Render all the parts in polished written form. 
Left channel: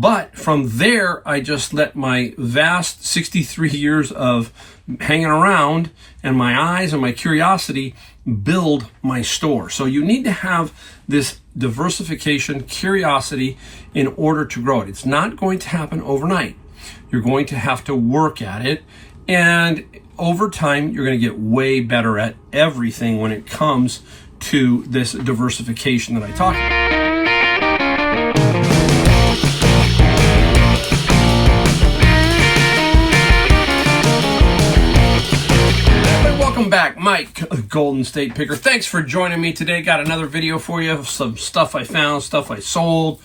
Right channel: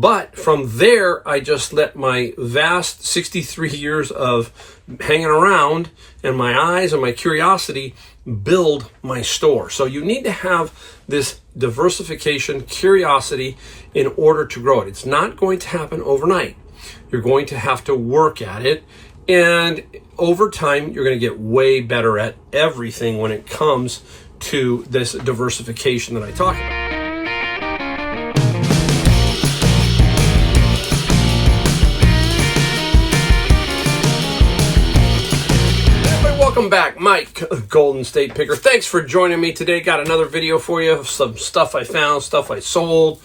But from there, I just let my vast 63 years of hanging around and my eyes and my curiosity build my store. So you need to have this diversification, curiosity in order to grow it. It's not going to happen overnight. You're going to have to work at it. And over time, you're going to get way better at everything when it comes to this diversification that I talk about. Welcome back, Mike, Golden State Picker. Thanks for joining me today. Got another video for you of some stuff I found, stuff I sold.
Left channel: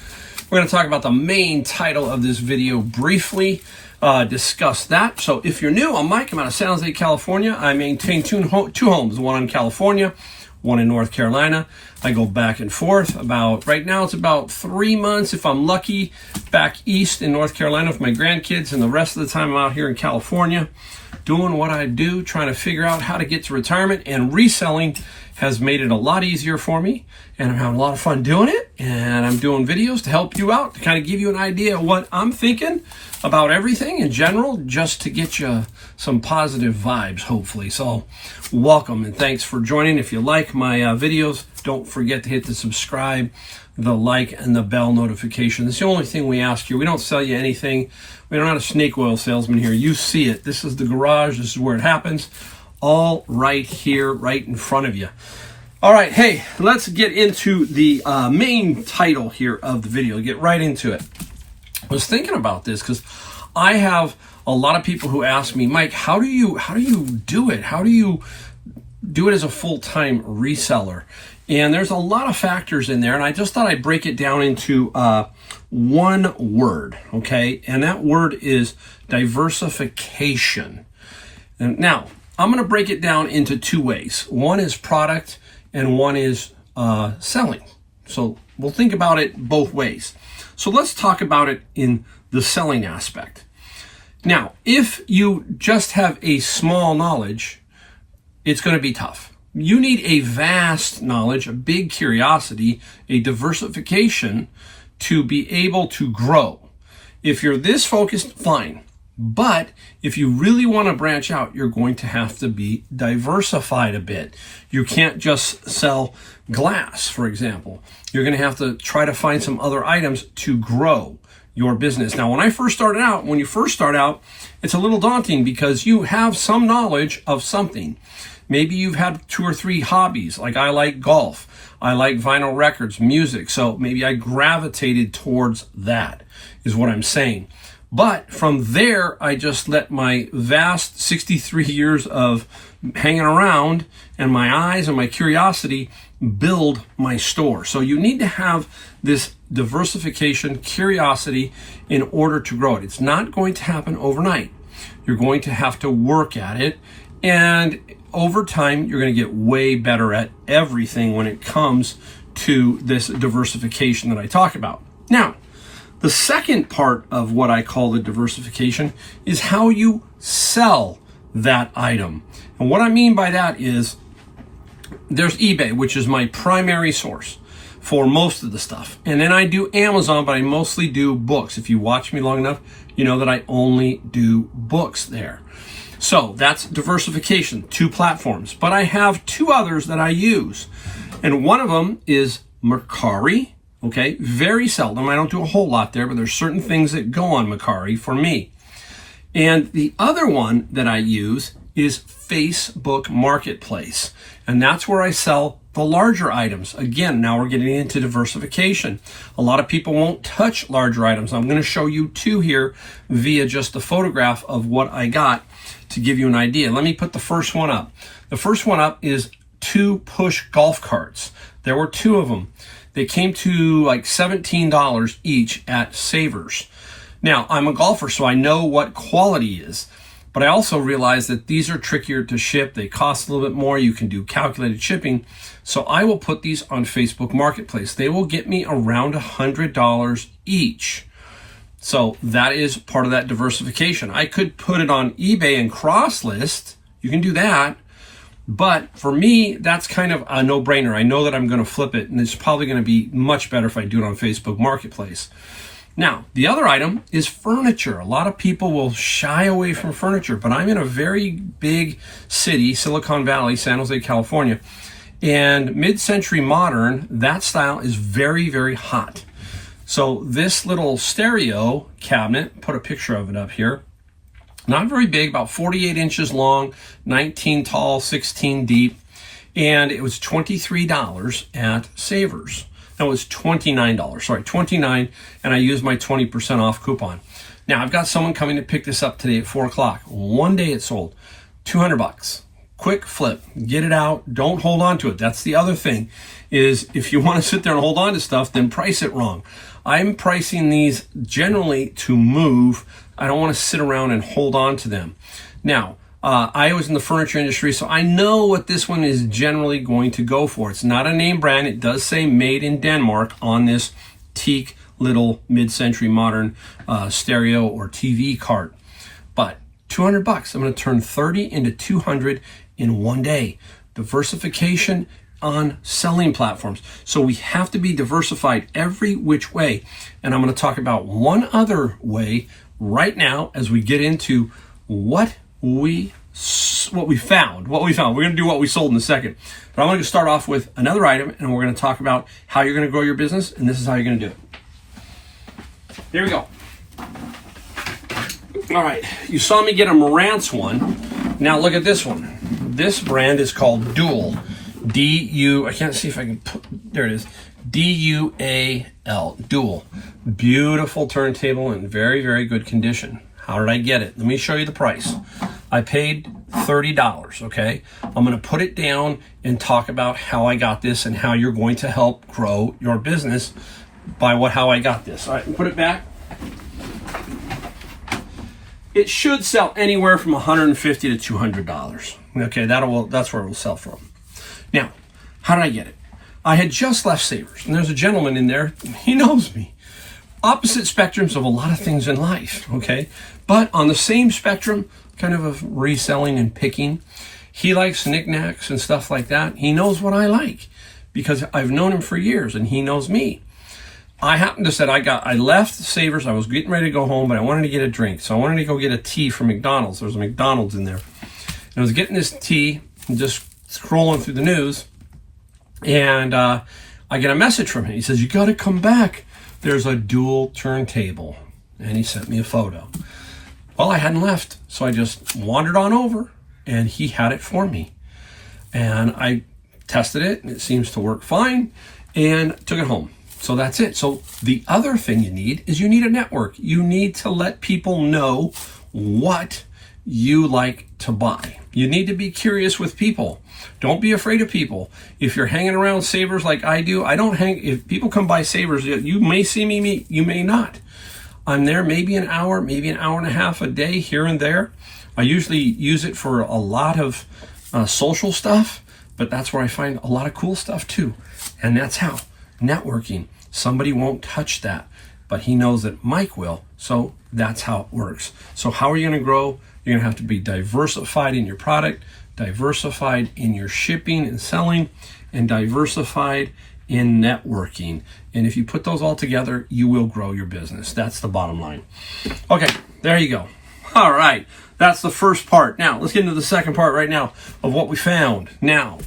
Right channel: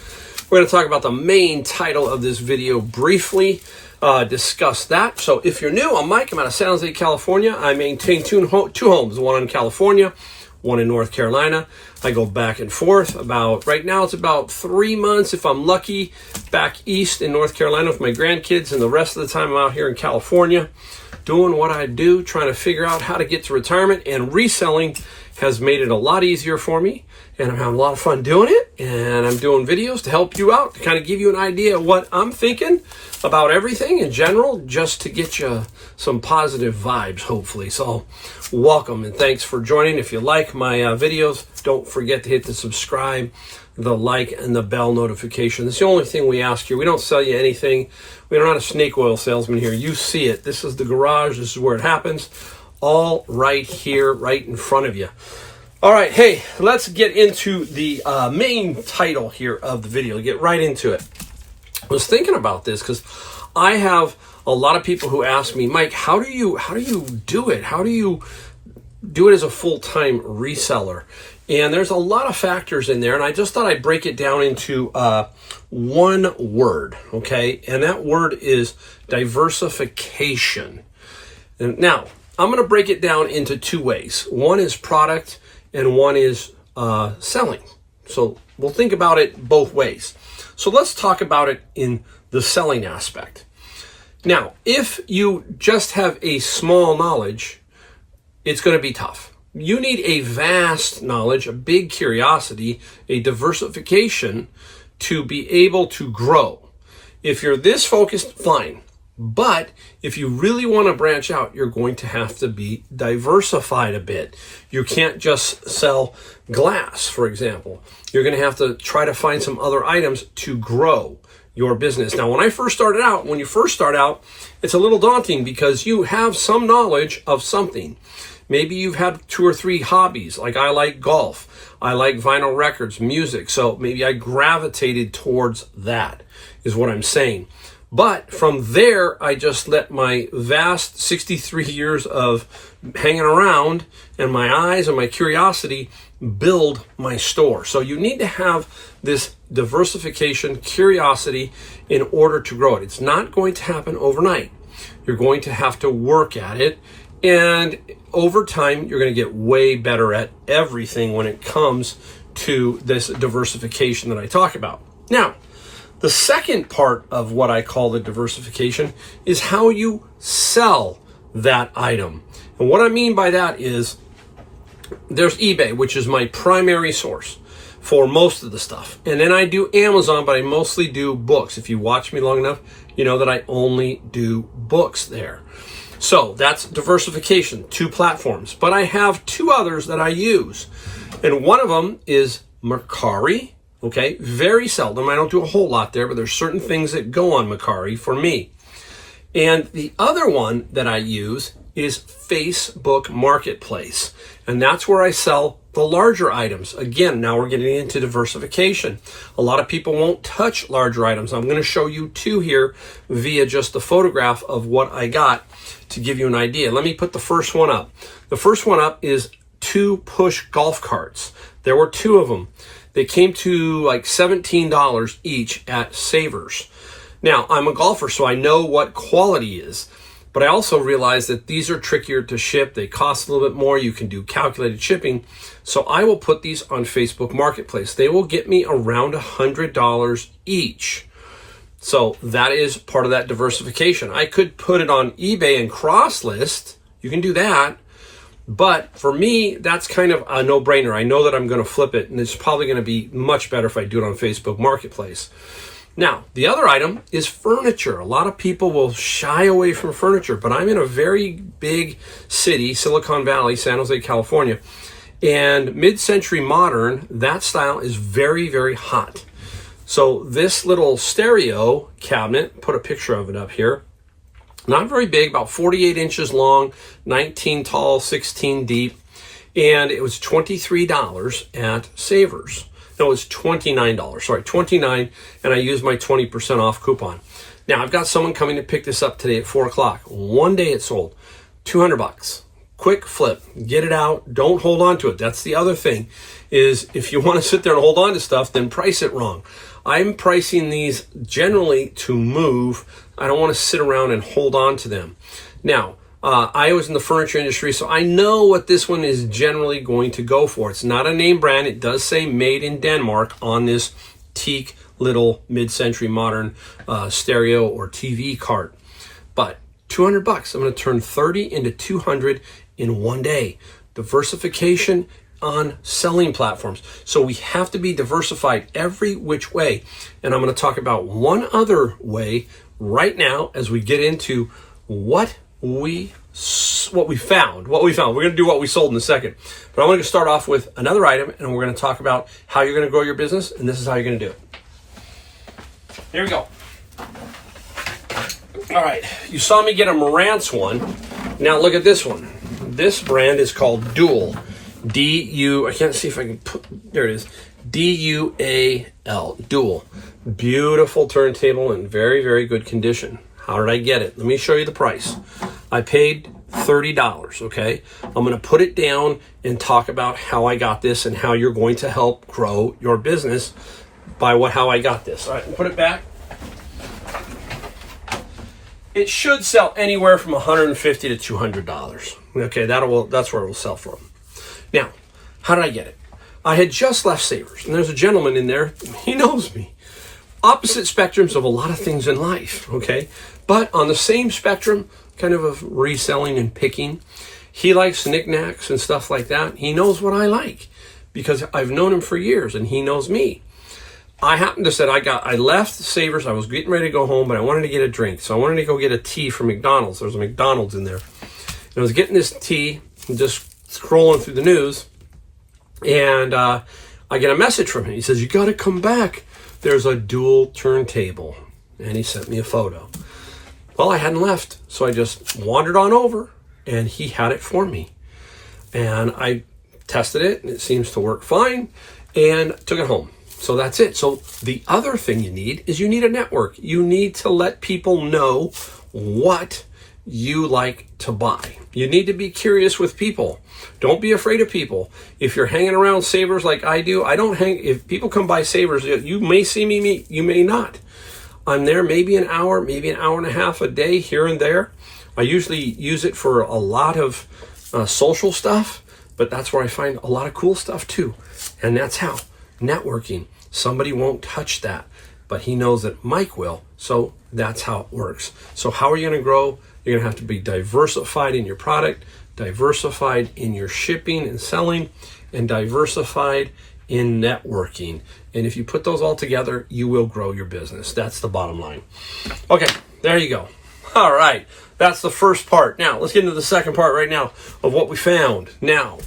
We're going to talk about the main title of this video briefly, discuss that. So if you're new, I'm Mike. I'm out of San Jose, California. I maintain two homes, one in California, one in North Carolina. I go back and forth right now it's about 3 months, if I'm lucky, back east in North Carolina with my grandkids, and the rest of the time I'm out here in California doing what I do, trying to figure out how to get to retirement. And reselling has made it a lot easier for me, and I'm having a lot of fun doing it. And I'm doing videos to help you out, to kind of give you an idea of what I'm thinking about everything in general, just to get you some positive vibes, hopefully. So welcome and thanks for joining. If you like my videos, don't forget to hit the subscribe, the like, and the bell notification. It's the only thing we ask you. We don't sell you anything. We're not a snake oil salesman here. You see it. This is the garage. This is where it happens. All right here, right in front of you. All right, hey, let's get into the main title here of the video. Get right into it. I was thinking about this because I have a lot of people who ask me, Mike, how do you do it? How do you do it as a full-time reseller? And there's a lot of factors in there, and I just thought I'd break it down into one word, okay? And that word is diversification. And now, I'm going to break it down into two ways. One is product, and one is selling. So we'll think about it both ways. So let's talk about it in the selling aspect. Now, if you just have a small knowledge, it's going to be tough. You need a vast knowledge, a big curiosity, a diversification to be able to grow. If you're this focused, fine. But if you really want to branch out, you're going to have to be diversified a bit. You can't just sell glass, for example. You're going to have to try to find some other items to grow your business. Now, when you first start out, it's a little daunting because you have some knowledge of something. Maybe you've had 2 or 3 hobbies, like I like golf, I like vinyl records, music, so maybe I gravitated towards that, is what I'm saying. But from there, I just let my vast 63 years of hanging around and my eyes and my curiosity build my store. So you need to have this diversification, curiosity in order to grow it. It's not going to happen overnight. You're going to have to work at it. And over time, you're going to get way better at everything when it comes to this diversification that I talk about. Now, the second part of what I call the diversification is how you sell that item. And what I mean by that is there's eBay, which is my primary source for most of the stuff. And then I do Amazon, but I mostly do books. If you watch me long enough, you know that I only do books there. So that's diversification, 2 platforms. But I have 2 others that I use. And one of them is Mercari, okay? Very seldom. I don't do a whole lot there, but there's certain things that go on Mercari for me. And the other one that I use is Facebook Marketplace. And that's where I sell the larger items. Again, now we're getting into diversification. A lot of people won't touch larger items. I'm going to show you 2 here via just a photograph of what I got to give you an idea. Let me put the first one up. The first one up is 2 push golf carts. There were 2 of them. They came to like $17 each at Savers. Now, I'm a golfer, so I know what quality is. But I also realize that these are trickier to ship. They cost a little bit more. You can do calculated shipping. So I will put these on Facebook Marketplace. They will get me around $100 each. So that is part of that diversification. I could put it on eBay and cross-list. You can do that. But for me, that's kind of a no-brainer. I know that I'm going to flip it, and it's probably going to be much better if I do it on Facebook Marketplace. Now, the other item is furniture. A lot of people will shy away from furniture, but I'm in a very big city, Silicon Valley, San Jose, California, and mid-century modern, that style is very, very hot. So this little stereo cabinet, put a picture of it up here, not very big, about 48 inches long, 19 tall, 16 deep, and it was $23 at Savers. No, it was $29, sorry, $29, and I used my 20% off coupon. Now, I've got someone coming to pick this up today at 4 o'clock. One day it sold, $200. Quick flip, get it out, don't hold on to it. That's the other thing, is if you want to sit there and hold on to stuff, then price it wrong. I'm pricing these generally to move. I don't want to sit around and hold on to them. Now, I was in the furniture industry, so I know what this one is generally going to go for. It's not a name brand. It does say made in Denmark on this teak little mid-century modern stereo or TV cart. But $200, I'm going to turn 30 into 200 in one day. Diversification on selling platforms. So we have to be diversified every which way. And I'm going to talk about one other way right now as we get into what we found. We're going to do what we sold in a second. But I want to start off with another item, and we're going to talk about how you're going to grow your business, and this is how you're going to do it. Here we go. All right, you saw me get a Marantz one. Now look at this one. This brand is called Dual. I can't see if I can put, there it is. D-U-A-L, Dual. Beautiful turntable in very, very good condition. How did I get it? Let me show you the price. I paid $30, okay? I'm gonna put it down and talk about how I got this and how you're going to help grow your business by how I got this. All right, put it back. It should sell anywhere from $150 to $200. Okay, that's where it will sell from. Now, how did I get it? I had just left Savers, and there's a gentleman in there, he knows me. Opposite spectrums of a lot of things in life, okay? But on the same spectrum, kind of reselling and picking, he likes knickknacks and stuff like that. He knows what I like because I've known him for years, and he knows me. I happened to say I left Savers, I was getting ready to go home, but I wanted to get a drink. So I wanted to go get a tea from McDonald's. There's a McDonald's in there. And I was getting this tea and just scrolling through the news, and I get a message from him. He says, you got to come back. There's a Dual turntable. And he sent me a photo. Well, I hadn't left, so I just wandered on over, and he had it for me. And I tested it, and it seems to work fine, and took it home. So that's it. So the other thing you need is you need a network. You need to let people know what you like to buy. You need to be curious with people. Don't be afraid of people. If you're hanging around Savers like I do, if people come by Savers, you may see me, you may not. I'm there maybe an hour and a half a day here and there. I usually use it for a lot of social stuff, but that's where I find a lot of cool stuff too. And that's how networking. Somebody won't touch that, but he knows that Mike will. So that's how it works. So how are you going to grow? You're going to have to be diversified in your product, diversified in your shipping and selling, and diversified in networking. And if you put those all together, you will grow your business. That's the bottom line. Okay, there you go. All right, that's the first part. Now, let's get into the second part right now of what we found. Now,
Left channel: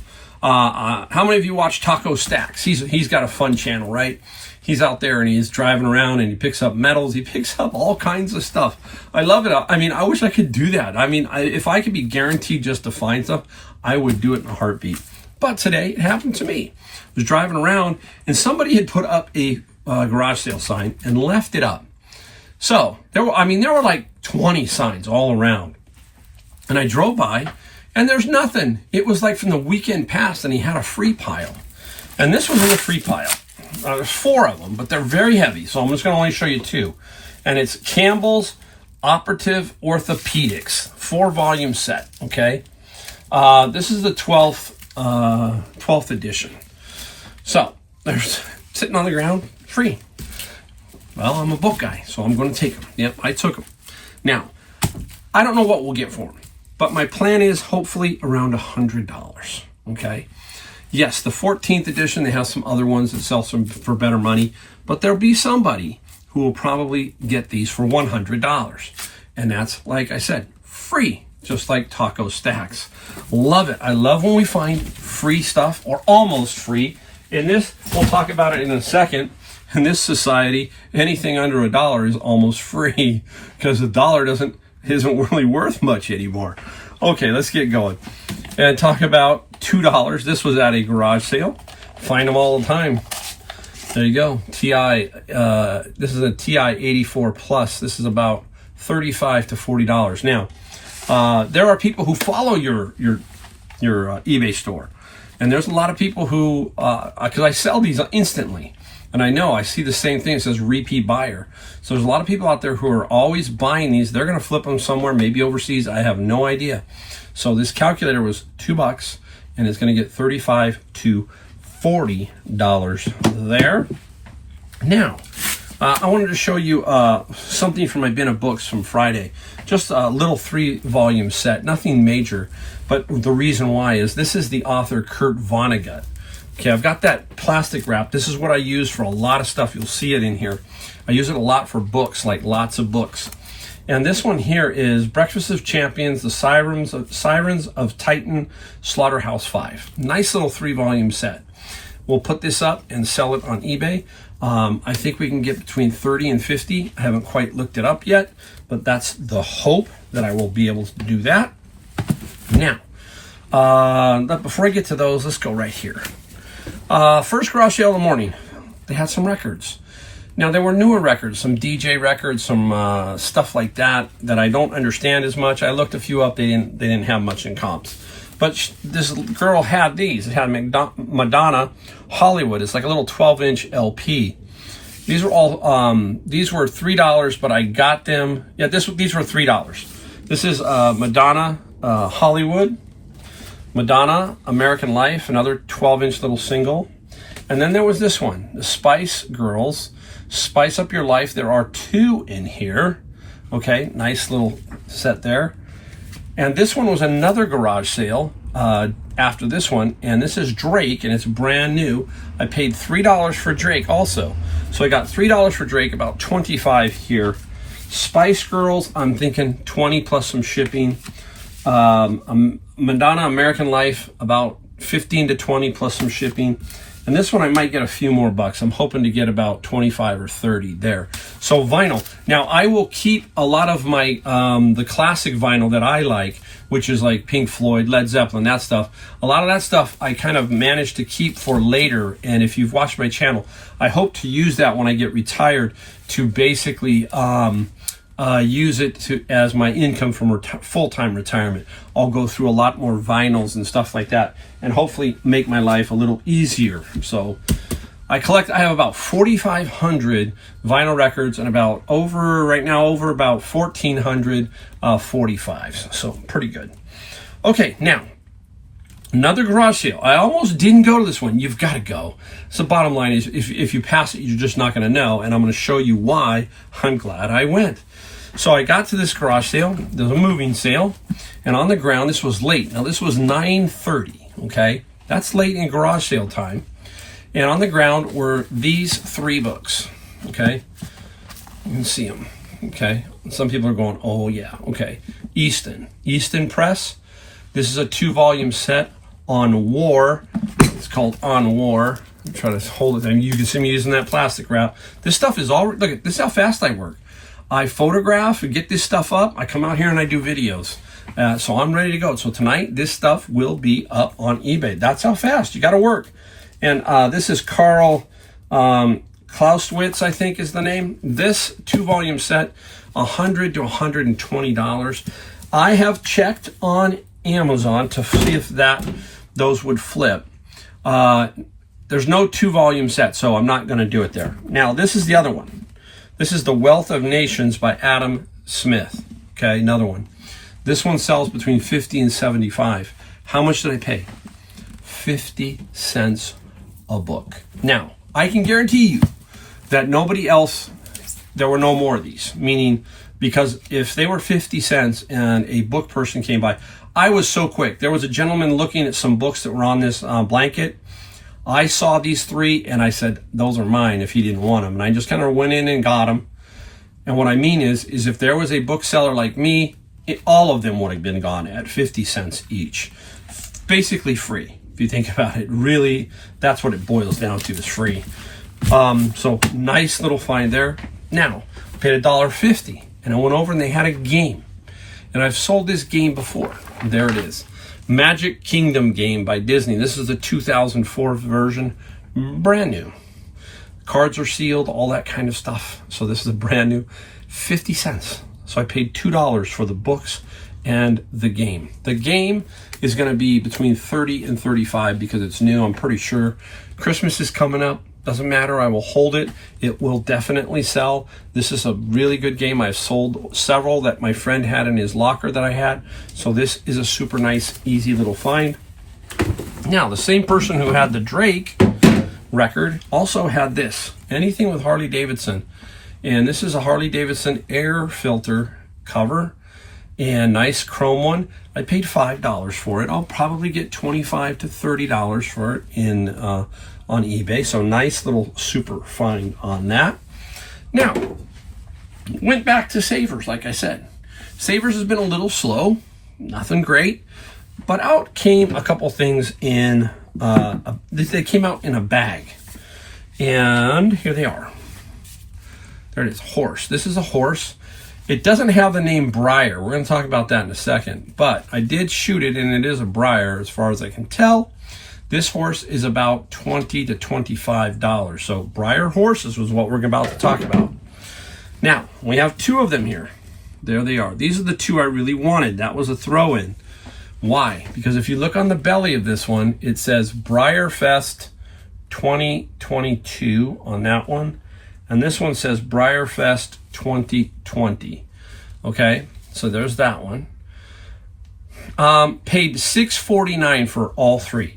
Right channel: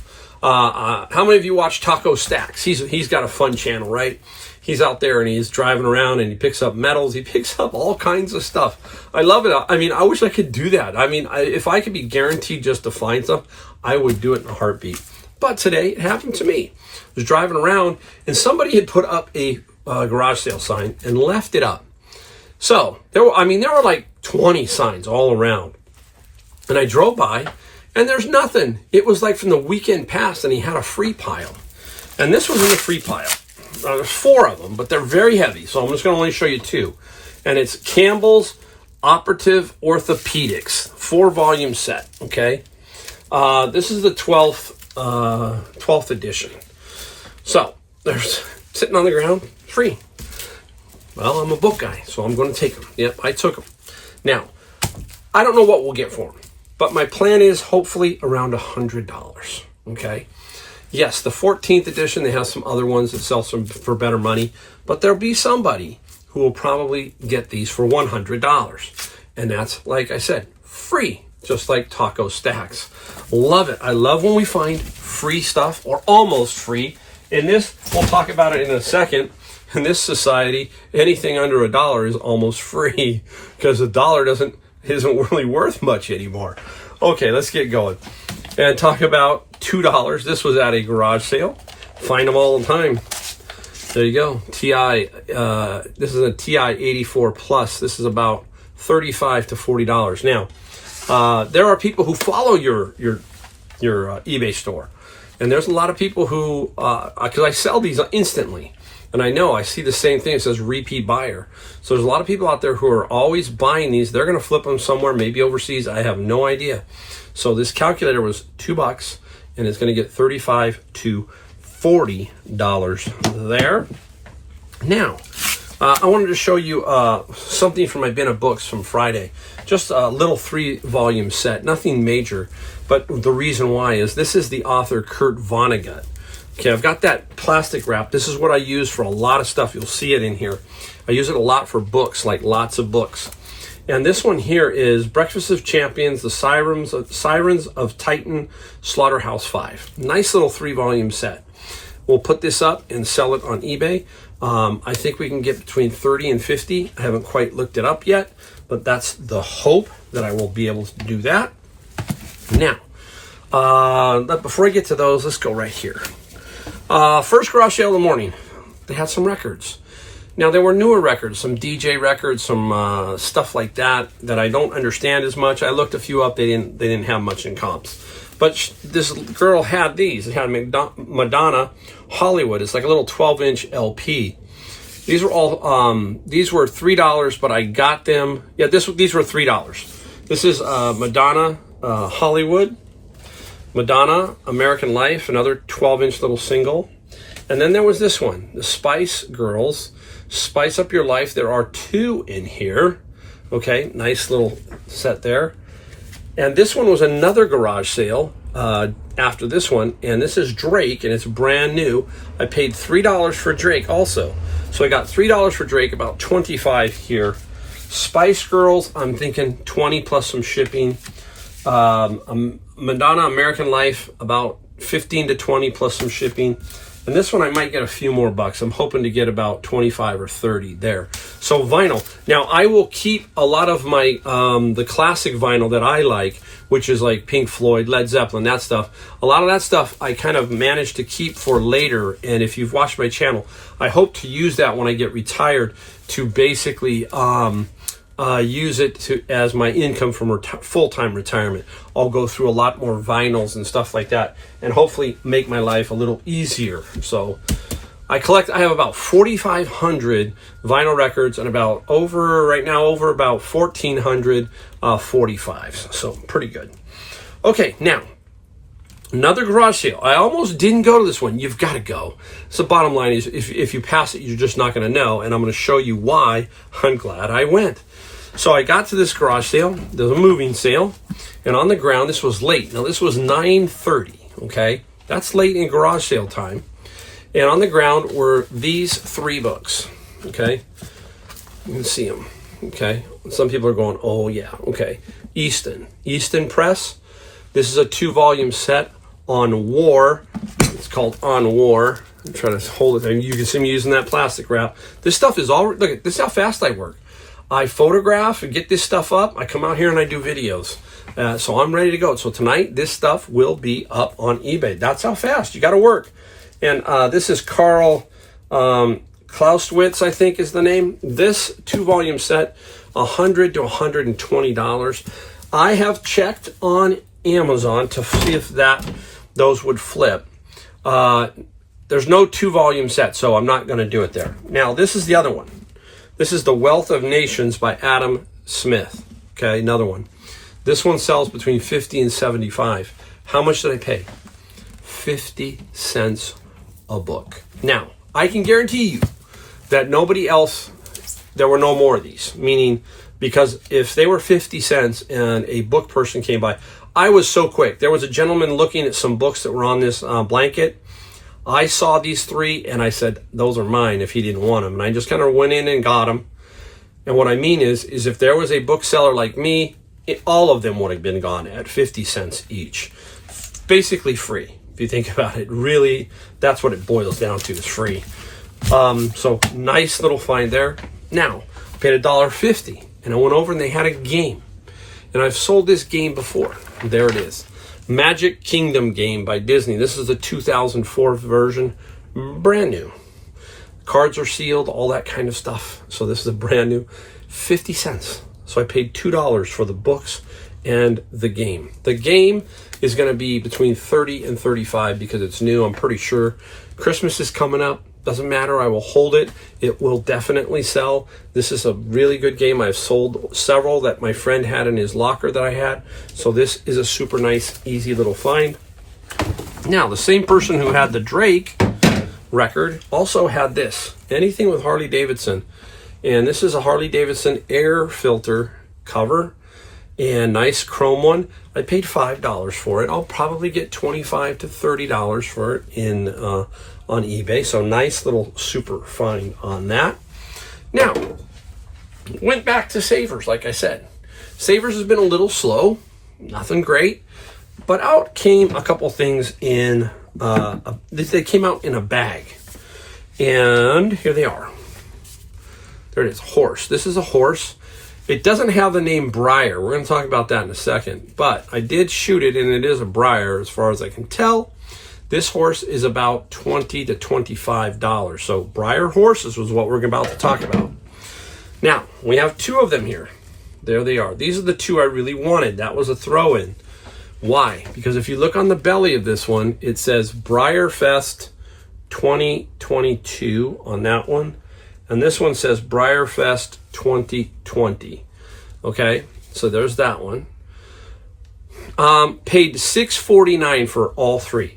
how many of you watch Taco Stacks? He's got a fun channel, right? He's out there and he's driving around and he picks up metals. He picks up all kinds of stuff. I love it. I mean, I wish I could do that. I mean, if I could be guaranteed just to find stuff, I would do it in a heartbeat. But today it happened to me. I was driving around and somebody had put up a garage sale sign and left it up. So there were like 20 signs all around. And I drove by and there's nothing. It was like from the weekend past and he had a free pile. And this was in the free pile. There's 4 of them, but they're very heavy. So I'm just going to only show you 2. And it's Campbell's Operative Orthopedics, 4-volume set. Okay. This is the 12th edition. So they're sitting on the ground, free. Well, I'm a book guy, so I'm going to take them. Yep, I took them. Now, I don't know what we'll get for them, but my plan is hopefully around $100. Okay. Yes, the 14th edition, they have some other ones that sell some for better money, but there'll be somebody who will probably get these for $100. And that's, like I said, free, just like taco stacks. Love it. I love when we find free stuff or almost free. In this, we'll talk about it in a second. In this society, anything under $1 is almost free because $1 isn't really worth much anymore. Okay, let's get going and talk about $2. This was at a garage sale. Find them all the time. There you go. TI. This is a TI 84 Plus. This is about $35 to $40. Now, there are people who follow your eBay store, and there's a lot of people who, because I sell these instantly. And I see the same thing. It says repeat buyer. So there's a lot of people out there who are always buying these. They're going to flip them somewhere, maybe overseas. I have no idea. So this calculator was $2, and it's going to get $35 to $40 there. Now, I wanted to show you something from my bin of books from Friday. Just a little 3-volume set, nothing major. But the reason why is this is the author Kurt Vonnegut. Okay, I've got that plastic wrap. This is what I use for a lot of stuff. You'll see it in here. I use it a lot for books, like lots of books. And this one here is Breakfast of Champions, the Sirens of Titan, Slaughterhouse 5. Nice little 3-volume set. We'll put this up and sell it on eBay. I think we can get between 30 and 50. I haven't quite looked it up yet, but that's the hope that I will be able to do that. Now, before I get to those, let's go right here. First garage sale of the morning. They had some records. Now, there were newer records, some DJ records, some stuff like that I don't understand as much. I looked a few up. They didn't have much in comps. But this girl had these. It had Madonna Hollywood. It's like a little 12-inch LP. These were all these were $3, but I got them. Yeah, these were $3. This is Madonna Hollywood. Madonna, American Life, another 12-inch little single. And then there was this one, the Spice Girls, Spice Up Your Life. There are 2 in here. Okay, nice little set there. And this one was another garage sale after this one. And this is Drake, and it's brand new. I paid $3 for Drake also. So I got $3 for Drake, about $25 here. Spice Girls, I'm thinking 20 plus some shipping. Madonna American Life, about 15 to 20 plus some shipping. And this one I might get a few more bucks. I'm hoping to get about 25 or 30 there. So vinyl. Now I will keep a lot of my the classic vinyl that I like, which is like Pink Floyd, Led Zeppelin, that stuff. A lot of that stuff I kind of managed to keep for later. And if you've watched my channel, I hope to use that when I get retired to basically use it as my income from full-time retirement. I'll go through a lot more vinyls and stuff like that, and hopefully make my life a little easier. So I have about 4,500 vinyl records and right now over about 1,400 45s. So pretty good. Okay, now another garage sale. I almost didn't go to this one. You've got to go. So bottom line is, if you pass it, you're just not going to know, and I'm going to show you why I'm glad I went. So I got to this garage sale. There's a moving sale, and on the ground, this was late. Now this was 9:30. Okay, that's late in garage sale time. And on the ground were these 3 books. Okay, you can see them. Okay, some people are going, oh yeah. Okay, Easton Press. This is a 2-volume set on war. It's called On War. I'm trying to hold it there. You can see me using that plastic wrap. This stuff is all. Look, this is how fast I work. I photograph and get this stuff up. I come out here and I do videos. So I'm ready to go. So tonight, this stuff will be up on eBay. That's how fast. You got to work. And this is Carl Clausewitz, I think is the name. This 2-volume set, $100 to $120. I have checked on Amazon to see if those would flip. There's no 2-volume set, so I'm not going to do it there. Now, this is the other one. This is The Wealth of Nations by Adam Smith. Okay, another one. This one sells between 50 and 75. How much did I pay? 50 cents a book. Now, I can guarantee you that nobody else, there were no more of these. Meaning, because if they were 50 cents and a book person came by, I was so quick. There was a gentleman looking at some books that were on this blanket. I saw these 3 and I said, those are mine if he didn't want them. And I just kind of went in and got them. And what I mean is if there was a bookseller like me, all of them would have been gone at 50 cents each. Basically free. If you think about it, really, that's what it boils down to, is free. So nice little find there. Now, I paid $1.50 and I went over and they had a game. And I've sold this game before. There it is. Magic Kingdom game by Disney. This is the 2004 version, brand new. Cards are sealed, all that kind of stuff. So this is a brand new 50 cents. So I paid $2 for the books and the game. The game is going to be between 30 and 35 because it's new. I'm pretty sure Christmas is coming up. Doesn't matter. I will hold it. It will definitely sell. This is a really good game. I've sold several that my friend had in his locker that I had. So this is a super nice, easy little find. Now, the same person who had the Drake record also had this. Anything with Harley Davidson. And this is a Harley Davidson air filter cover. And nice chrome one. I paid $5 for it. I'll probably get $25 to $30 for it in on eBay. So nice little super find on that. Now, went back to Savers, like I said. Savers has been a little slow. Nothing great. But out came a couple things in, they came out in a bag. And here they are. There it is, horse. This is a horse. It doesn't have the name Briar. We're going to talk about that in a second. But I did shoot it, and it is a Briar as far as I can tell. This horse is about $20 to $25. So Briar horses was what we're about to talk about. Now, we have 2 of them here. There they are. These are the 2 I really wanted. That was a throw-in. Why? Because if you look on the belly of this one, it says Briar Fest 2022 on that one. And this one says Briar Fest 2020. Okay, so there's that one. Paid $6.49 for all 3.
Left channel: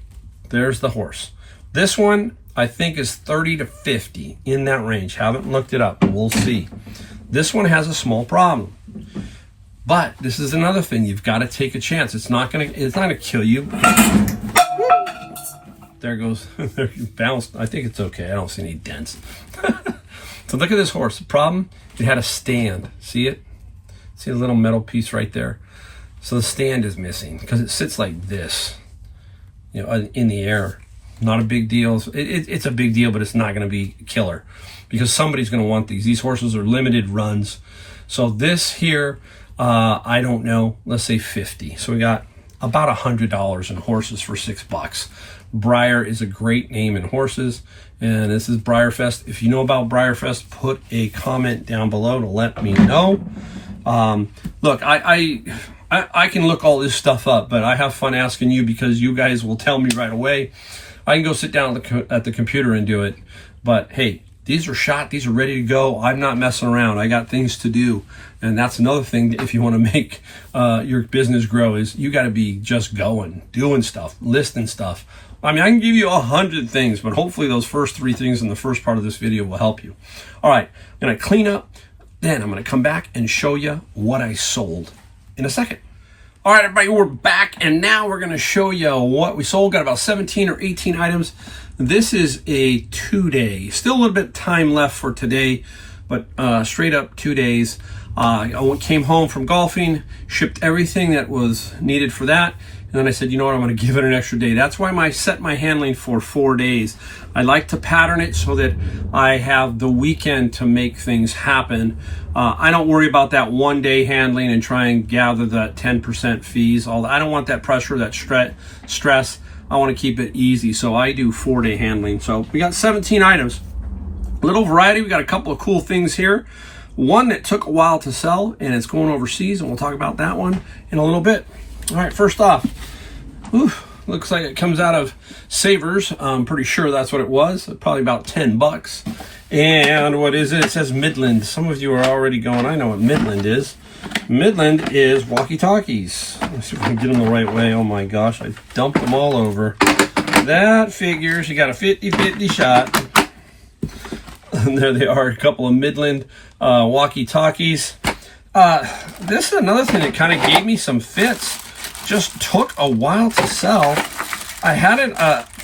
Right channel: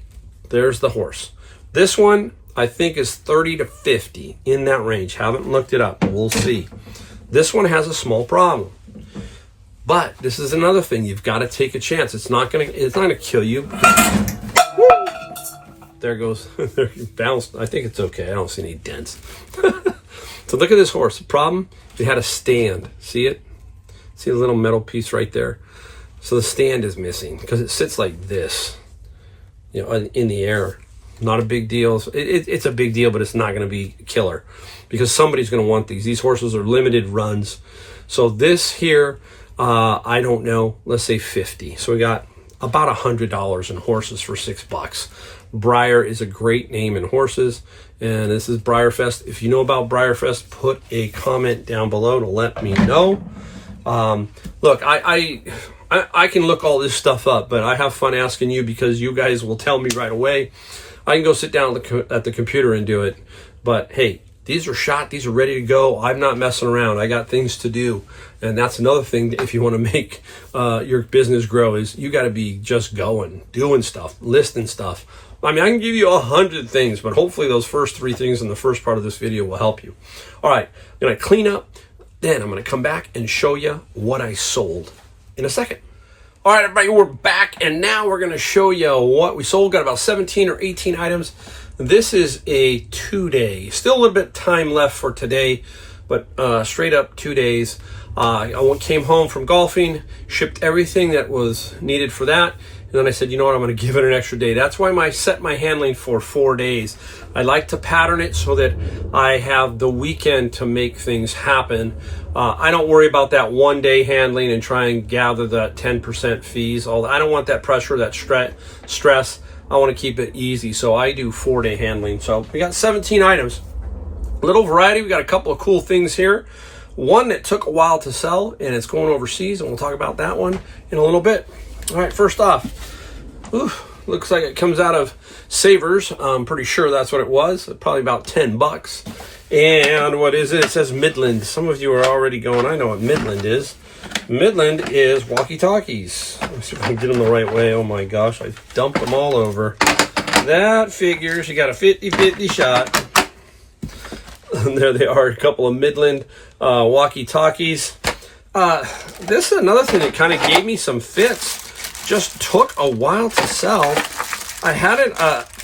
There's the horse. This one, I think, is 30 to 50, in that range. Haven't looked it up, but we'll see. This one has a small problem. But this is another thing. You've got to take a chance. It's not gonna kill you. There goes, bounced. I think it's okay. I don't see any dents. So look at this horse. The problem, it had a stand. See it? See a little metal piece right there? So the stand is missing because it sits like this, you know, in the air. Not a big deal. It's a big deal, but it's not going to be killer because somebody's going to want these. These horses are limited runs. So this here, I don't know, let's say 50. So we got about $100 in horses for $6. Briar is a great name in horses, and this is Briarfest. If you know about Briarfest, put a comment down below to let me know. Look, I can look all this stuff up, but I have fun asking you because you guys will tell me right away. I can go sit down at the computer and do it, but hey, these are shot, these are ready to go. I'm not messing around. I got things to do, and that's another thing. If you want to make your business grow, is you got to be just going, doing stuff, listing stuff. I mean, I can give you 100 things, but hopefully those first 3 things in the first part of this video will help you. All right, I'm going to clean up, then I'm going to come back and show you what I sold in a second. All right, everybody, we're back, and now we're going to show you what we sold. Got about 17 or 18 items. This is a 2-day. Still a little bit of time left for today, but straight up 2 days. I came home from golfing, shipped everything that was needed for that. And then I said, you know what, I'm going to give it an extra day. That's why I set my handling for 4 days. I like to pattern it so that I have the weekend to make things happen. I don't worry about that 1-day handling and try and gather that 10% fees. I don't want that pressure, that stress. I want to keep it easy. So I do 4-day handling. So we got 17 items. A little variety. We got a couple of cool things here. One that took a while to sell, and it's going overseas, and we'll talk about that one in a little bit. All right, first off, looks like it comes out of Savers. I'm pretty sure that's what it was. Probably about $10. And what is it? It says Midland. Some of you are already going, I know what Midland is. Midland is walkie-talkies. Let's see if I can get them the right way. Oh my gosh, I dumped them all over. That figures you got a 50-50 shot. And there they are, a couple of Midland walkie-talkies. This is another thing that kind of gave me some fits. Just took a while to sell. I had it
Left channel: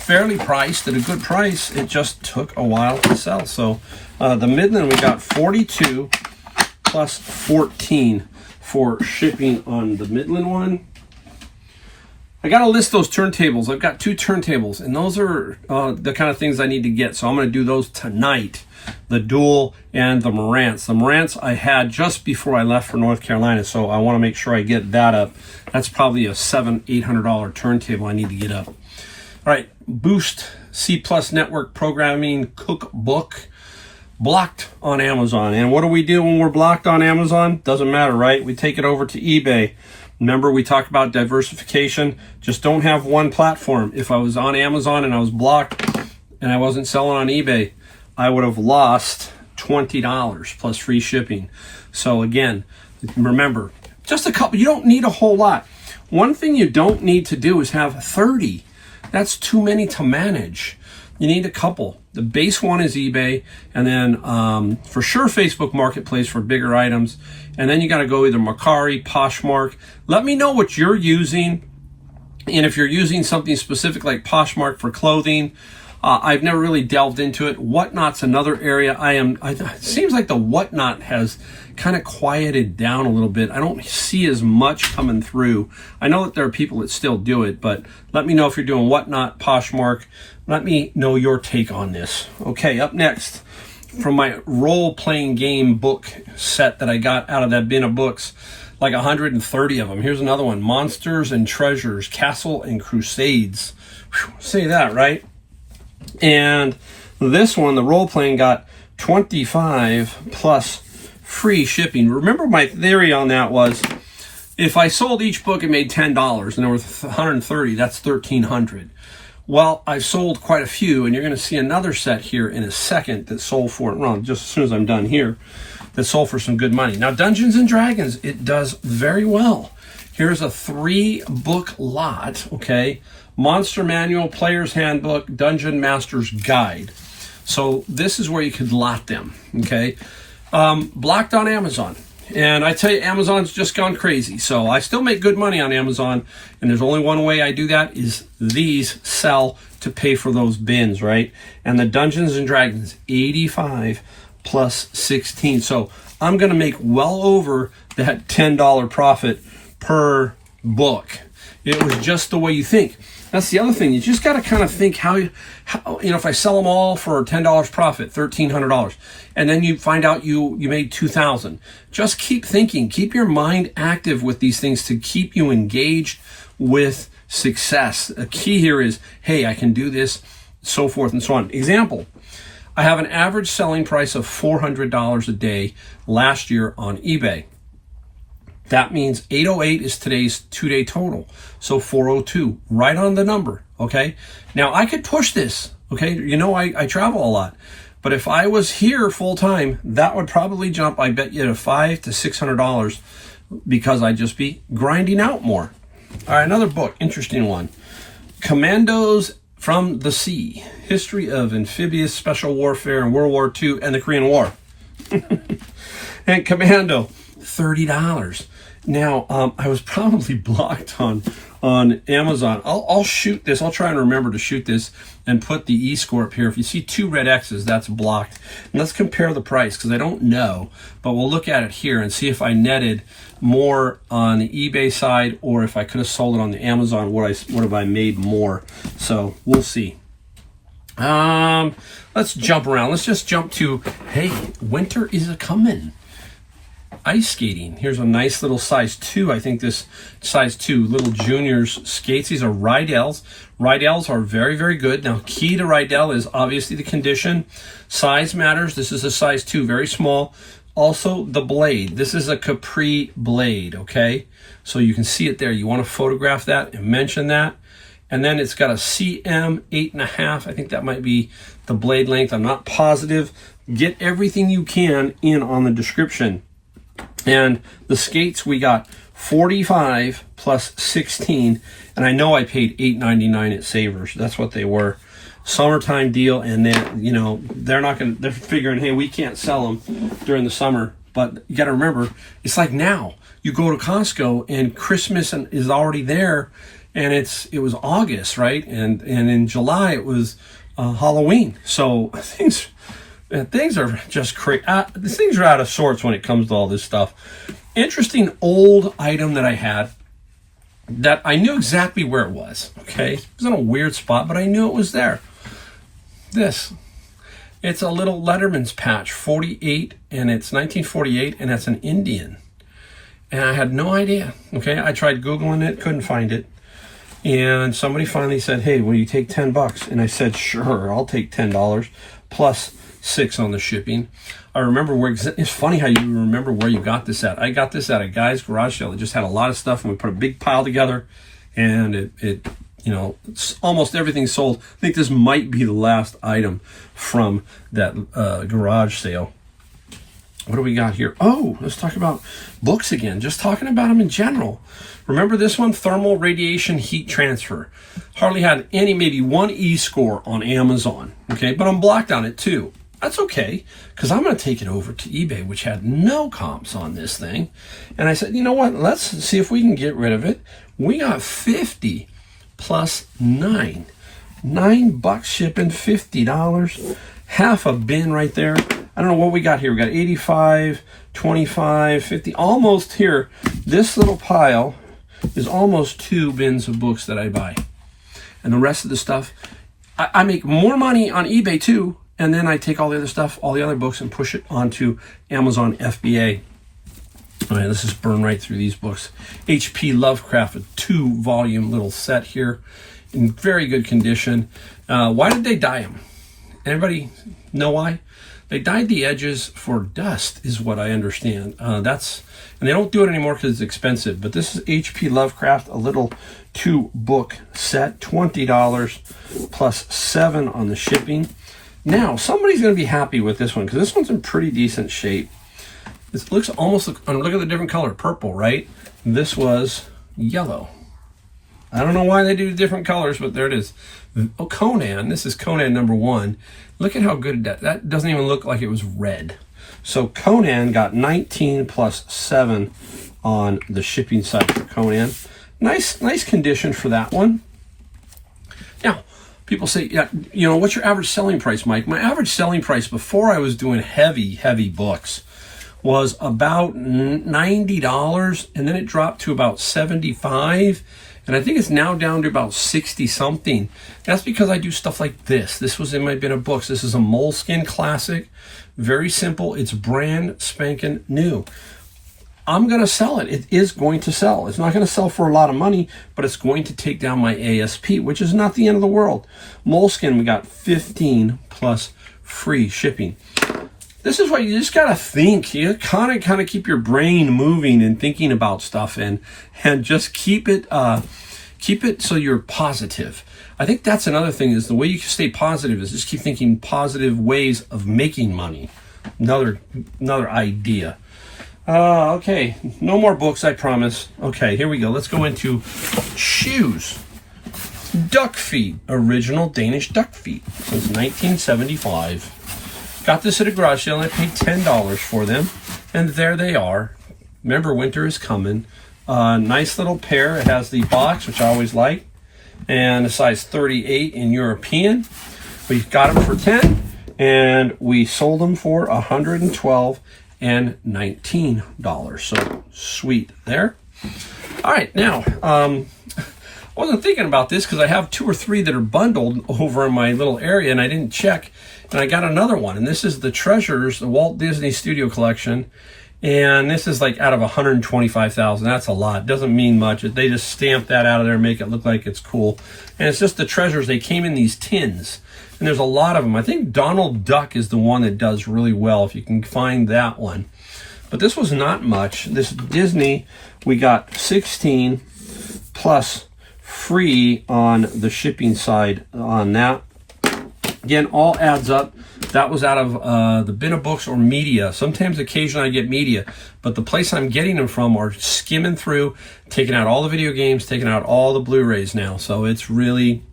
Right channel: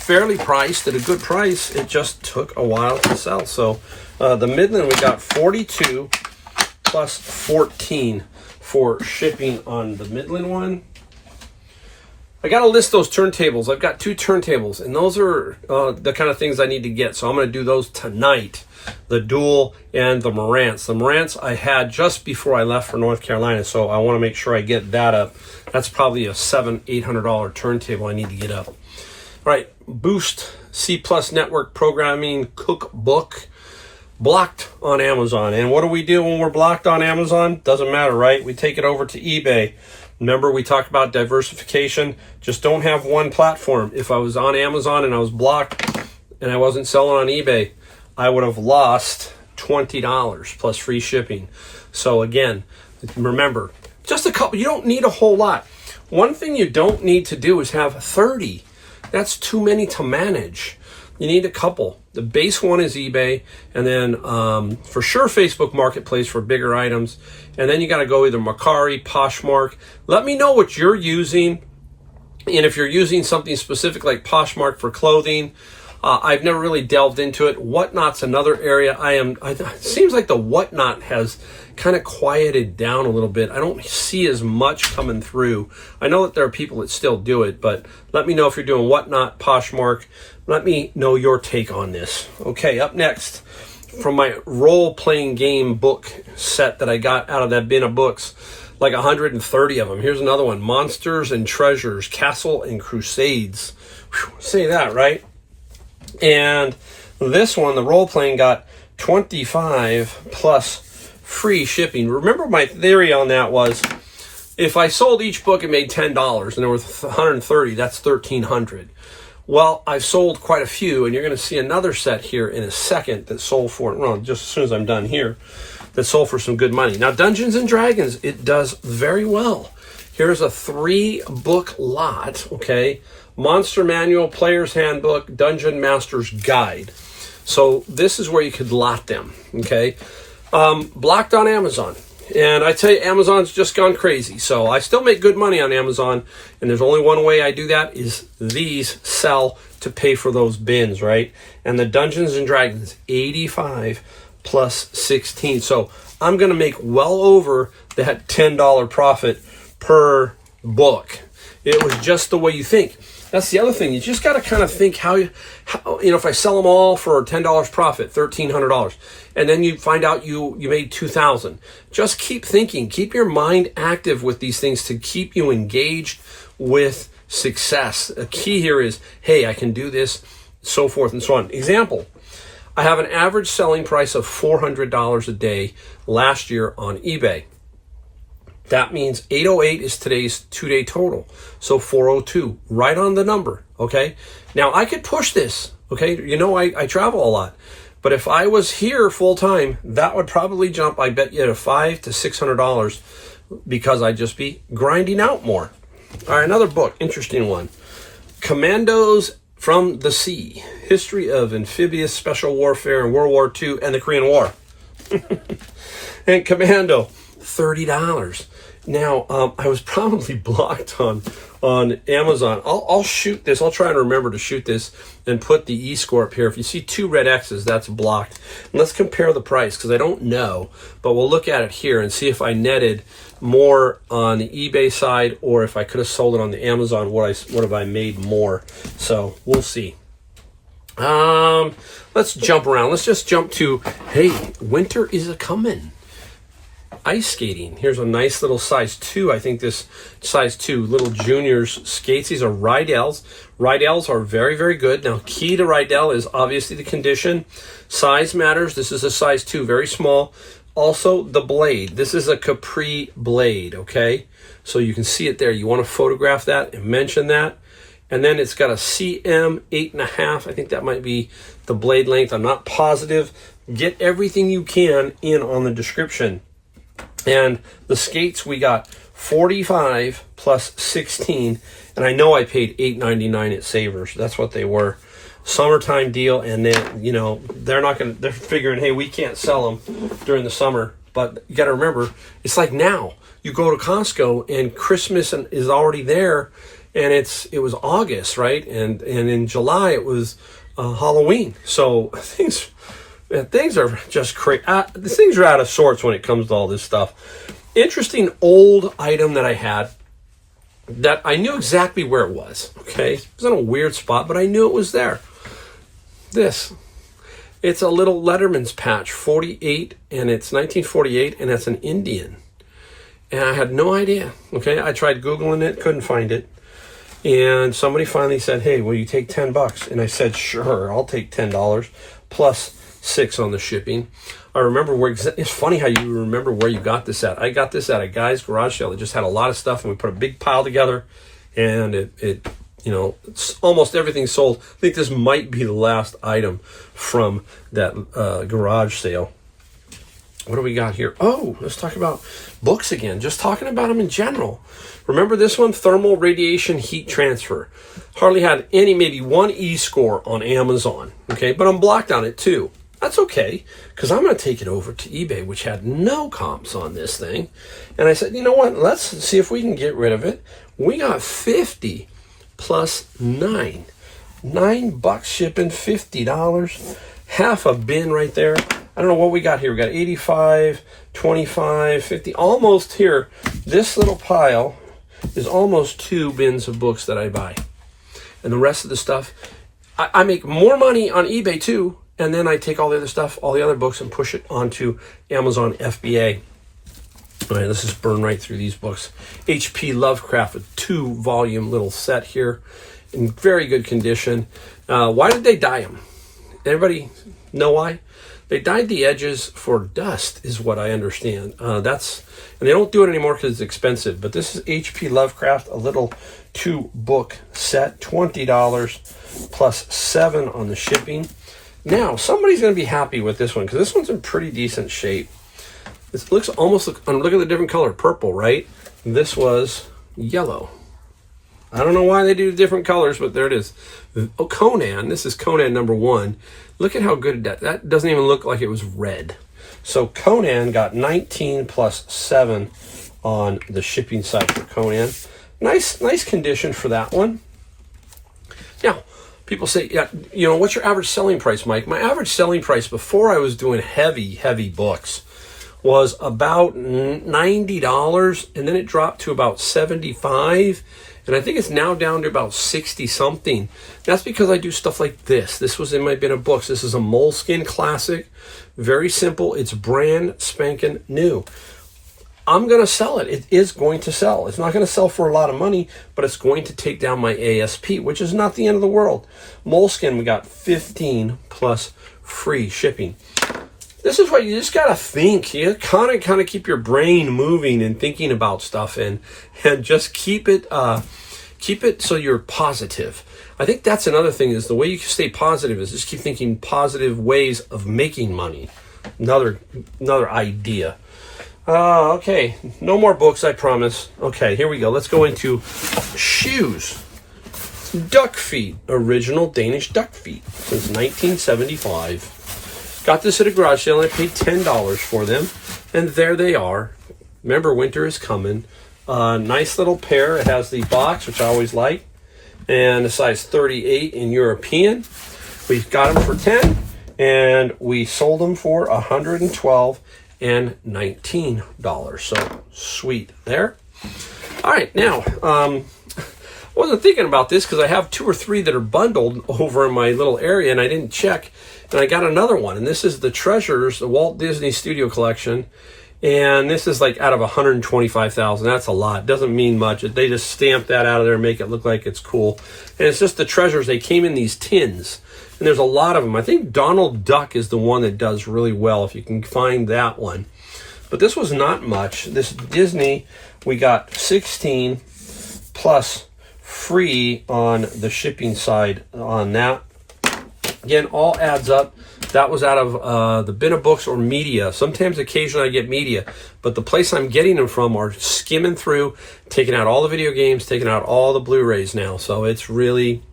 fairly priced at a good price. It just took a while to sell. So the Midland, we got 42 plus 14 for shipping on the Midland one. I got to list those turntables. I've got 2 turntables, and those are the kind of things I need to get. So I'm going to do those tonight, the Dual and the Marantz. The Marantz I had just before I left for North Carolina, so I want to make sure I get that up. That's probably a $700-800 turntable I need to get up. All right, Boost C+ Network Programming Cookbook, blocked on Amazon. And what do we do when we're blocked on Amazon? Doesn't matter, right? We take it over to eBay. Remember, we talked about diversification. Just don't have one platform. If I was on Amazon and I was blocked and I wasn't selling on eBay, I would have lost $20 plus free shipping. So again, remember, just a couple. You don't need a whole lot. One thing you don't need to do is have 30. That's too many to manage. You need a couple. The base one is eBay, and then for sure Facebook Marketplace for bigger items. And then you got to go either Mercari, Poshmark. Let me know what you're using. And if you're using something specific like Poshmark for clothing, I've never really delved into it. Whatnot's another area it seems like the Whatnot has kind of quieted down a little bit. I don't see as much coming through. I know that there are people that still do it, but let me know if you're doing Whatnot, Poshmark. Let me know your take on this. Okay, up next, from my role-playing game book set that I got out of that bin of books, like 130 of them. Here's another one, Monsters and Treasures, Castle and Crusades. Whew, say that, right? And this one, the role-playing, got 25 plus free shipping. Remember, my theory on that was, if I sold each book and made $10 and there were 130, that's $1,300. Well, I sold quite a few, and you're going to see another set here in a second that sold for, well, just as soon as I'm done here, that sold for some good money. Now, Dungeons and Dragons, it does very well. Here's a 3-book lot, okay? Monster Manual, Player's Handbook, Dungeon Master's Guide. So this is where you could lot them, okay? Blocked on Amazon. And I tell you, Amazon's just gone crazy. So I still make good money on Amazon. And there's only one way I do that is these sell to pay for those bins, right? And the Dungeons and Dragons, 85 plus 16. So I'm going to make well over that $10 profit per book. It was just the way you think. That's the other thing. You just got to kind of think how if I sell them all for $10 profit, $1,300, and then you find out you made $2,000. Just keep thinking. Keep your mind active with these things to keep you engaged with success. A key here is, hey, I can do this, so forth and so on. Example, I have an average selling price of $400 a day last year on eBay. That means 808 is today's 2-day total. So 402, right on the number, okay? Now, I could push this, okay? You know, I travel a lot. But if I was here full time, that would probably jump, I bet you, to $500 to $600 because I'd just be grinding out more. All right, another book, interesting one. Commandos from the Sea, History of Amphibious Special Warfare in World War II and the Korean War. And Commando, $30. Now, I was probably blocked on Amazon. I'll shoot this. I'll try and remember to shoot this and put the E-score up here. If you see 2 red X's, that's blocked. And let's compare the price because I don't know, but we'll look at it here and see if I netted more on the eBay side or if I could have sold it on the Amazon. What have I made more? So we'll see. Let's jump around. Let's just jump to, hey, winter is a-coming. Ice skating. Here's a nice little size 2. I think this size 2 little juniors skates. These are Rydell's. Rydell's are very, very good. Now, key to Rydell is obviously the condition. Size matters. This is a size 2, very small. Also, the blade. This is a Capri blade, okay? So you can see it there. You want to photograph that and mention that. And then it's got a CM 8.5. I think that might be the blade length. I'm not positive. Get everything you can in on the description. And the skates, we got 45 plus 16, and I know I paid $8.99 at Savers. That's what they were. Summertime deal, and then, you know, they're figuring, hey, we can't sell them during the summer. But you got to remember, it's like now. You go to Costco and Christmas is already there, and it was August, right? And in July it was Halloween. So things are just crazy. Things are out of sorts when it comes to all this stuff. Interesting old item that I had that I knew exactly where it was. Okay, it was in a weird spot, but I knew it was there. It's a little Letterman's patch, 48, and it's 1948, and it's an Indian. And I had no idea. Okay, I tried Googling it, couldn't find it. And somebody finally said, "Hey, will you take $10?" And I said, "Sure, I'll take $10 plus $6 on the shipping." I remember it's funny how you remember where you got this at. I got this at a guy's garage sale that just had a lot of stuff, and we put a big pile together, and it's almost everything sold. I think this might be the last item from that garage sale. What do we got here? Oh, let's talk about books again. Just talking about them in general. Remember this one? Thermal Radiation Heat Transfer. Hardly had maybe one E-score on Amazon. Okay, but I'm blocked on it too. That's okay, because I'm going to take it over to eBay, which had no comps on this thing. And I said, you know what? Let's see if we can get rid of it. We got 50 plus 9. $9 shipping, $50. Half a bin right there. I don't know what we got here. We got 85, 25, 50, almost here. This little pile is almost 2 bins of books that I buy. And the rest of the stuff, I make more money on eBay too. And then I take all the other stuff, all the other books, and push it onto Amazon FBA. All right, let's just burn right through these books. H.P. Lovecraft, a 2-volume little set here in very good condition. Why did they dye them? Anybody know why? They dyed the edges for dust, is what I understand. And they don't do it anymore because it's expensive. But this is H.P. Lovecraft, a little 2-book set, $20 plus $7 on the shipping. Now, somebody's going to be happy with this one because this one's in pretty decent shape. This looks almost, look at the different color, purple, right? This was yellow. I don't know why they do different colors, but there it is. Oh, Conan, this is Conan #1. Look at how good that doesn't even look like it was red. So Conan got 19 plus 7 on the shipping side for Conan. Nice condition for that one. Now, people say, yeah, what's your average selling price, Mike? My average selling price before I was doing heavy books was about $90, and then it dropped to about $75, and I think it's now down to about 60 something. That's because I do stuff like this. This was in my bin of books. This is a Moleskine classic, very simple. It's brand spanking new. I'm going to sell it. It is going to sell. It's not going to sell for a lot of money, but it's going to take down my ASP, which is not the end of the world. Moleskine, we got 15 plus free shipping. This is what you just got to think. You kind of keep your brain moving and thinking about stuff, and just keep it so you're positive. I think that's another thing, is the way you can stay positive is just keep thinking positive ways of making money. Another idea. Okay, no more books, I promise. Okay, here we go. Let's go into shoes. Duck feet, original Danish duck feet since 1975. Got this at a garage sale, and I paid $10 for them, and there they are. Remember, winter is coming. Nice little pair. It has the box, which I always like, and a size 38 in European. We got them for 10, and we sold them for $112 and $19. So sweet there. All right, now I wasn't thinking about this because I have 2 or 3 that are bundled over in my little area, and I didn't check, and I got another one, and this is the Treasures, the Walt Disney Studio Collection, and this is like out of 125,000. That's a lot. Doesn't mean much. They just stamp that out of there and make it look like it's cool, and it's just the Treasures. They came in these tins, and there's a lot of them. I think Donald Duck is the one that does really well, if you can find that one. But this was not much. This Disney, we got 16 plus free on the shipping side on that. Again, all adds up. That was out of the bin of books or media. Sometimes, occasionally, I get media. But the place I'm getting them from are skimming through, taking out all the video games, taking out all the Blu-rays now. So it's really...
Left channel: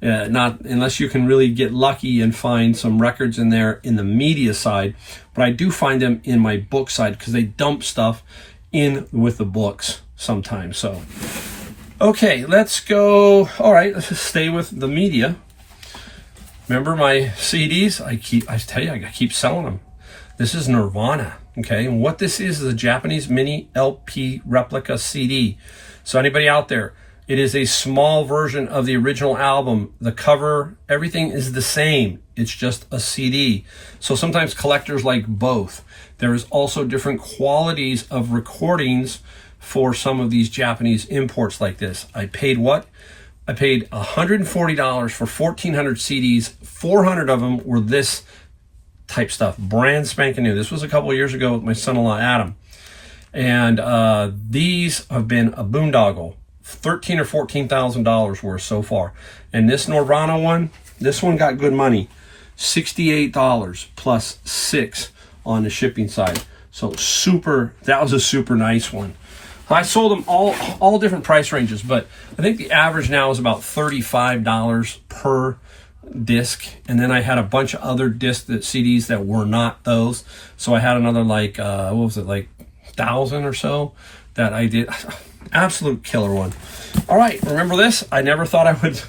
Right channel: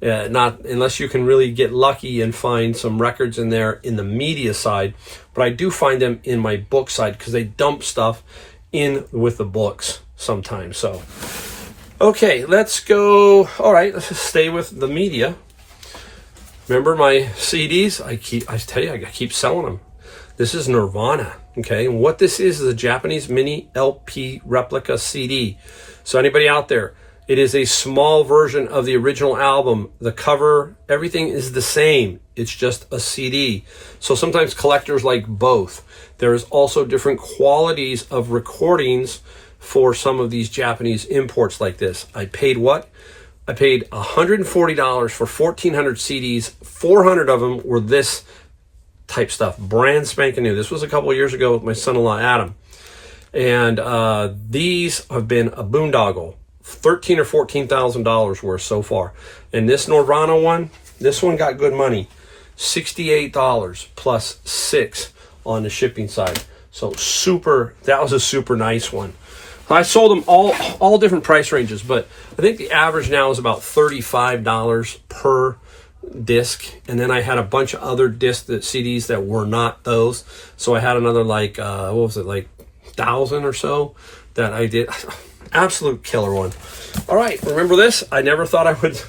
not unless you can really get lucky and find some records in there in the media side, but I do find them in my book side because they dump stuff in with the books sometimes. So Okay, let's go. All right, let's just stay with the media. Remember my CDs? I tell you, I keep selling them. This is Nirvana, okay? And what this is a Japanese mini LP replica CD. So anybody out there, it is a small version of the original album. The cover, everything is the same. It's just a CD. So sometimes collectors like both. There is also different qualities of recordings for some of these Japanese imports like this. I paid what? I paid $140 for 1,400 CDs. 400 of them were this type stuff, brand spanking new. This was a couple of years ago with my son-in-law, Adam. And these have been a boondoggle. $13,000 or $14,000 worth so far. And this Nirvana one, this one got good money. $68 plus $6 on the shipping side. So that was a super nice one. I sold them all different price ranges, but I think the average now is about $35 per disc. And then I had a bunch of other CDs that were not those. So I had another like, what was it, like 1,000 or so that I did. Absolute killer one. All right, remember this? I never thought I would,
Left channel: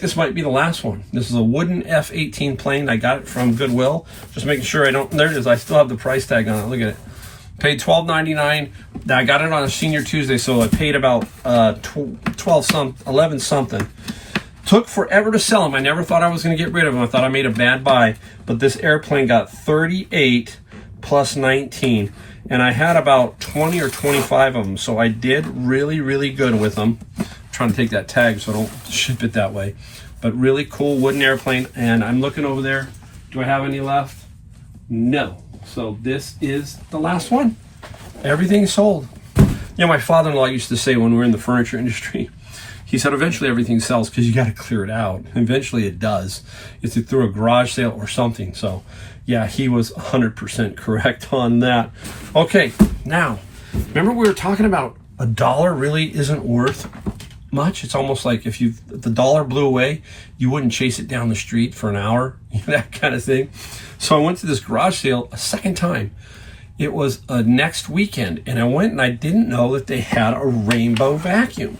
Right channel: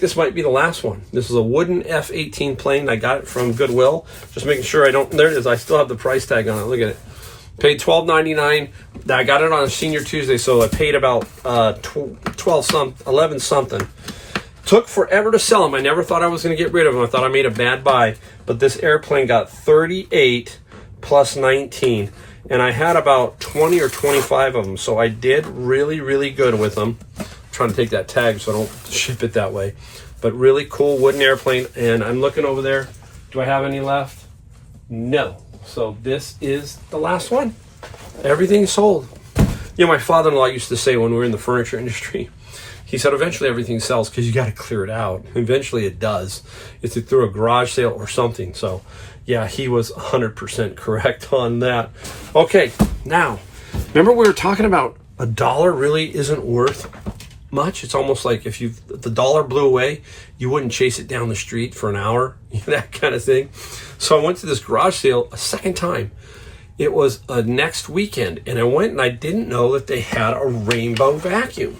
this might be the last one. This is a wooden F-18 plane. I got it from Goodwill. Just making sure there it is. I still have the price tag on it. Look at it. Paid $12.99. I got it on a Senior Tuesday, so I paid about 11 something. Took forever to sell them. I never thought I was going to get rid of them. I thought I made a bad buy, but this airplane got 38 plus 19, and I had about 20 or 25 of them, so I did really, really good with them. I'm trying to take that tag so I don't ship it that way, but really cool wooden airplane. And I'm looking over there. Do I have any left? No. So this is the last one. Everything's sold. You know, my father-in-law used to say when we were in the furniture industry, he said eventually everything sells because you got to clear it out. Eventually it does. It's through a garage sale or something. So yeah, he was 100% correct on that. Okay, now, remember we were talking about $1 really isn't worth much. It's almost like if the dollar blew away, you wouldn't chase it down the street for an hour, that kind of thing. So I went to this garage sale a second time. It was a next weekend, and I went and I didn't know that they had a rainbow vacuum.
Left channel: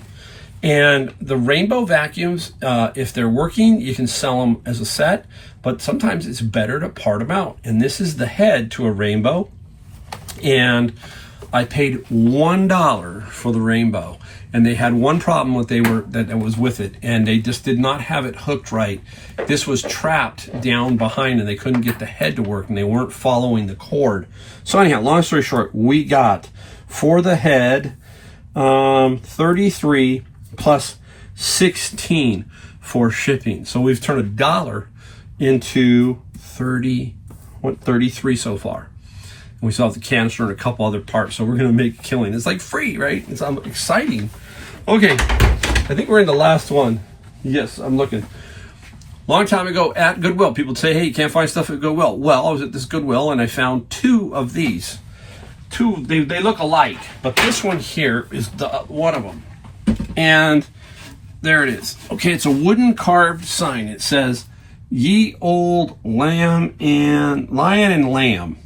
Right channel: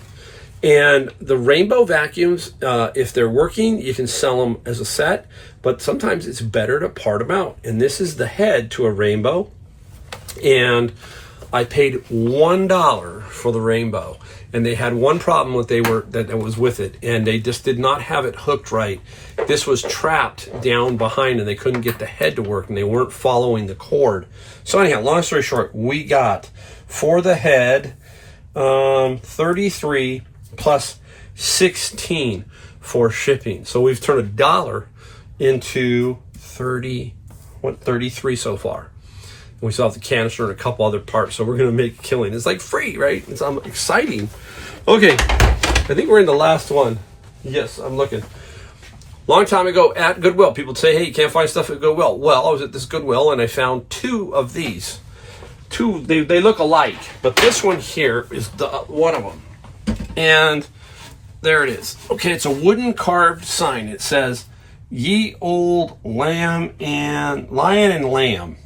And the rainbow vacuums, if they're working, you can sell them as a set, but sometimes it's better to part them out. And this is the head to a rainbow, and I paid $1 for the rainbow. And they had one problem that was with it, and they just did not have it hooked right. This was trapped down behind, and they couldn't get the head to work, and they weren't following the cord. So anyhow, long story short, we got for the head 33 plus 16 for shipping. So we've turned $1 into 33 so far. And we still have the canister and a couple other parts, so we're going to make a killing. It's like free, right? It's exciting. Okay, I think we're in the last one. Yes, I'm looking. Long time ago at Goodwill, people would say, hey, you can't find stuff at Goodwill. Well, I was at this Goodwill and I found two of these. They look alike, but this one here is one of them. And there it is. Okay, it's a wooden carved sign. It says, Ye Old Lion and Lamb.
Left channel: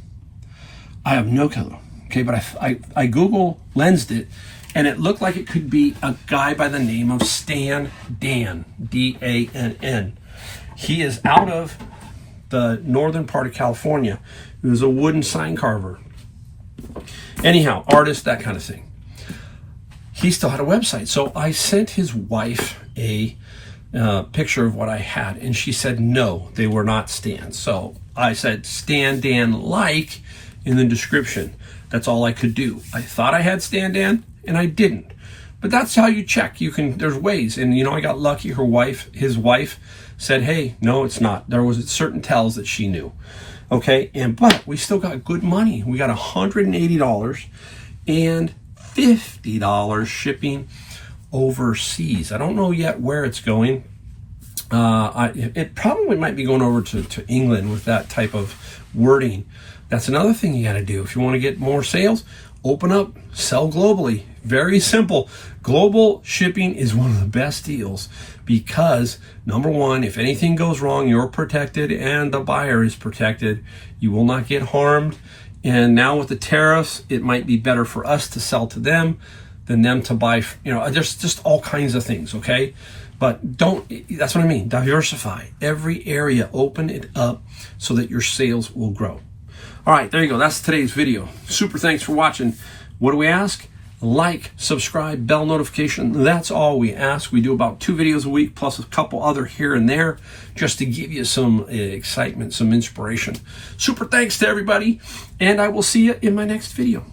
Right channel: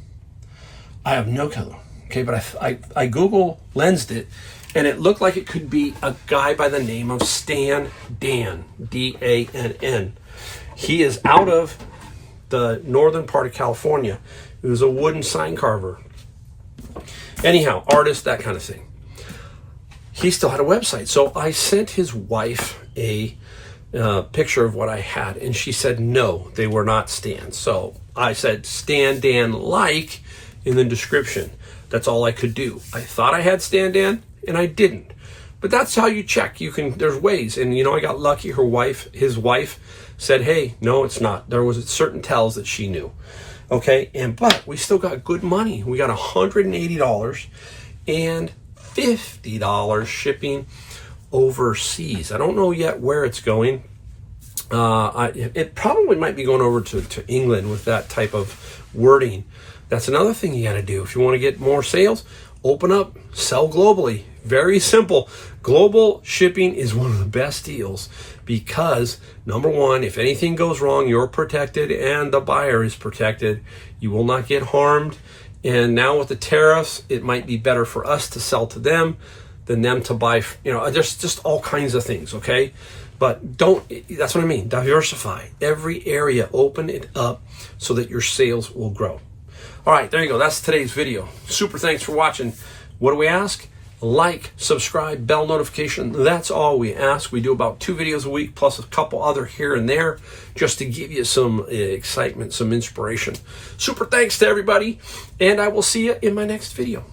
I have no clue, okay, but I Google lensed it, and it looked like it could be a guy by the name of Stan Dan, D-A-N-N. He is out of the northern part of California. He was a wooden sign carver. Anyhow, artist, that kind of thing. He still had a website, so I sent his wife a picture of what I had, and she said, no, they were not Stans. So I said, Stan Dan like, in the description. That's all I could do. I thought I had Stan Dan, and I didn't. But that's how you check. There's ways. And I got lucky. His wife said, hey, no, it's not. There was certain tells that she knew. Okay, but we still got good money. We got $180 and $50 shipping overseas. I don't know yet where it's going. It probably might be going over to England with that type of wording. That's another thing you got to do. If you want to get more sales, open up, sell globally. Very simple. Global shipping is one of the best deals because, number one, if anything goes wrong, you're protected and the buyer is protected. You will not get harmed. And now with the tariffs, it might be better for us to sell to them than them to buy, just all kinds of things, okay? But that's what I mean, diversify. Every area, open it up so that your sales will grow. All right, there you go. That's today's video. Super thanks for watching. What do we ask? Like, subscribe, bell notification. That's all we ask. We do about 2 videos a week plus a couple other here and there just to give you some excitement, some inspiration. Super thanks to everybody, and I will see you in my next video.